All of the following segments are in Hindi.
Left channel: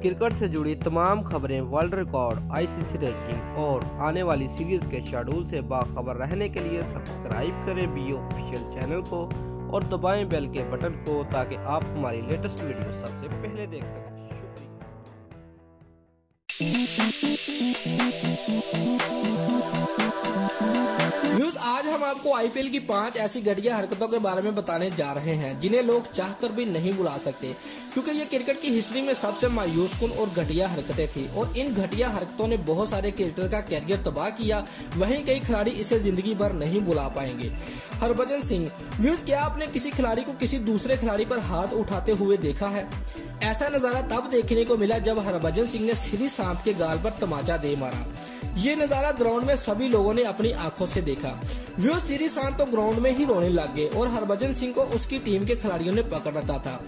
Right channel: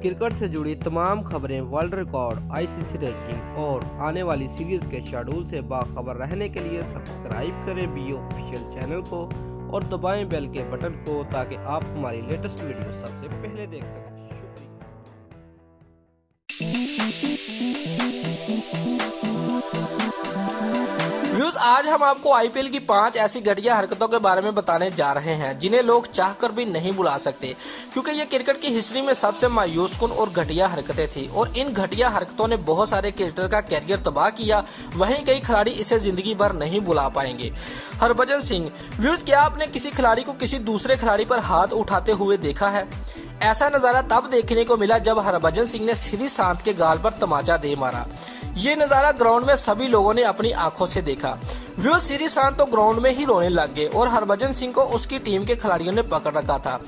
क्रिकेट से जुड़ी तमाम खबरें, वर्ल्ड रिकॉर्ड, आईसीसी रैंकिंग और आने वाली सीरीज के शेड्यूल से बाखबर रहने के लिए सब्सक्राइब करें बी ऑफिशियल चैनल को और दबाएं बेल के बटन को ताकि आप हमारी लेटेस्ट वीडियो सबसे पहले देख सकें। व्यूअर्स, आज हम आपको आईपीएल की 5 ऐसी घटिया हरकतों के बारे में बताने जा रहे हैं जिन्हें लोग चाहकर भी नहीं भुला सकते, क्योंकि ये क्रिकेट की हिस्ट्री में सबसे मायूसकुन और घटिया हरकतें थी और इन घटिया हरकतों ने बहुत सारे क्रिकेटर का कैरियर तबाह किया। वहीं कई खिलाड़ी इसे जिंदगी भर नहीं भुला पाएंगे। हरभजन सिंह। व्यूअर्स, क्या आपने किसी खिलाड़ी को किसी दूसरे खिलाड़ी पर हाथ उठाते हुए देखा है? ऐसा नजारा तब देखने को मिला जब हरभजन सिंह ने श्रीशांत के गाल पर तमाचा दे मारा। ये नजारा ग्राउंड में सभी लोगों ने अपनी आंखों से देखा। व्यूअर्स, श्रीशांत तो ग्राउंड में ही रोने लग गए और हरभजन सिंह को उसकी टीम के खिलाड़ियों ने पकड़ रखा था।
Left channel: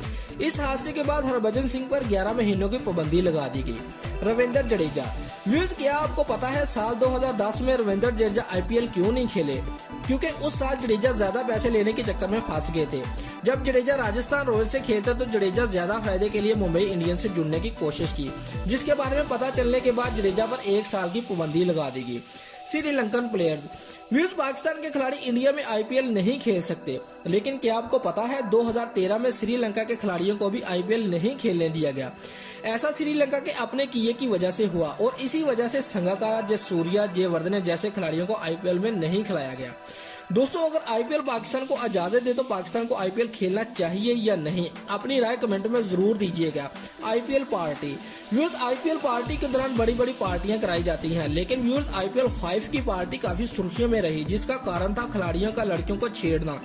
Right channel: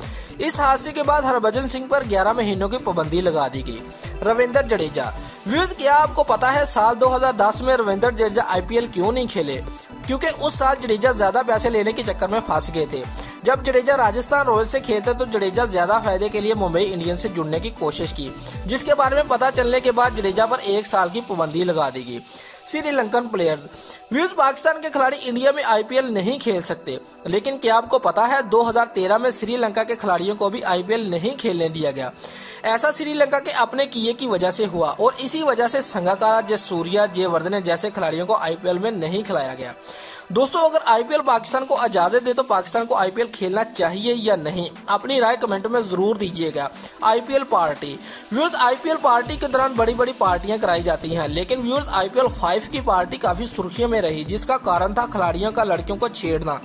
इस हादसे के बाद हरभजन सिंह पर 11 महीनों की पाबंदी लगा दी गई। रविंद्र जडेजा। व्यूअर्स, क्या आपको पता है साल 2010 में रविंद्र जडेजा आईपीएल क्यों नहीं खेले? क्योंकि उस साल जडेजा ज्यादा पैसे लेने के चक्कर में फंस गए थे। जब जडेजा राजस्थान रॉयल्स से खेलते तो जडेजा ज्यादा फायदे के लिए मुंबई इंडियंस से जुड़ने की कोशिश की, जिसके बारे में पता चलने के बाद जडेजा पर 1 साल की पाबंदी लगा दी गई। श्रीलंकन प्लेयर्स। व्यूअर्स, पाकिस्तान के खिलाड़ी इंडिया में आईपीएल नहीं खेल सकते, लेकिन क्या आपको पता है 2013 में श्रीलंका के खिलाड़ियों को भी आईपीएल नहीं खेलने दिया गया। ऐसा श्रीलंका के अपने किए की वजह से हुआ और इसी वजह से संगाकारा, जयसूर्या, जयवर्धने जैसे खिलाड़ियों को आईपीएल में नहीं खिलाया गया। दोस्तों, अगर आईपीएल पाकिस्तान को इजाजत दे तो पाकिस्तान को आईपीएल खेलना चाहिए या नहीं, अपनी राय कमेंट में जरूर दीजिएगा। IPL party. Viewers, IPL party के दौरान बड़ी बड़ी पार्टियां कराई जाती हैं, लेकिन व्यूअर्स आईपीएल 5 की पार्टी काफी सुर्खियों में रही, जिसका कारण था खिलाड़ियों का लड़कियों को छेड़ना।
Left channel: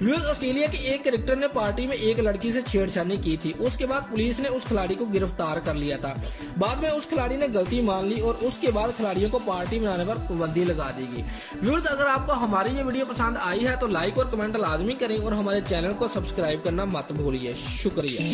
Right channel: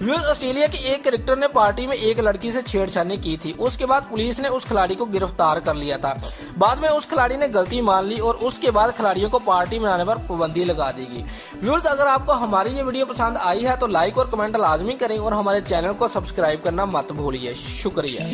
व्यूअर्स, ऑस्ट्रेलिया के एक क्रिकेटर ने पार्टी में एक लड़की से छेड़छाड़ी की थी। उसके बाद पुलिस ने उस खिलाड़ी को गिरफ्तार कर लिया था। बाद में उस खिलाड़ी ने गलती मान ली और उसके बाद खिलाड़ियों को पार्टी मनाने पर पाबंदी लगा दी गई। व्यूअर्स, अगर आपको हमारी ये वीडियो पसंद आई है तो लाइक और कमेंट लाजमी करें और हमारे चैनल को सब्सक्राइब करना मत भूलिए। शुक्रिया।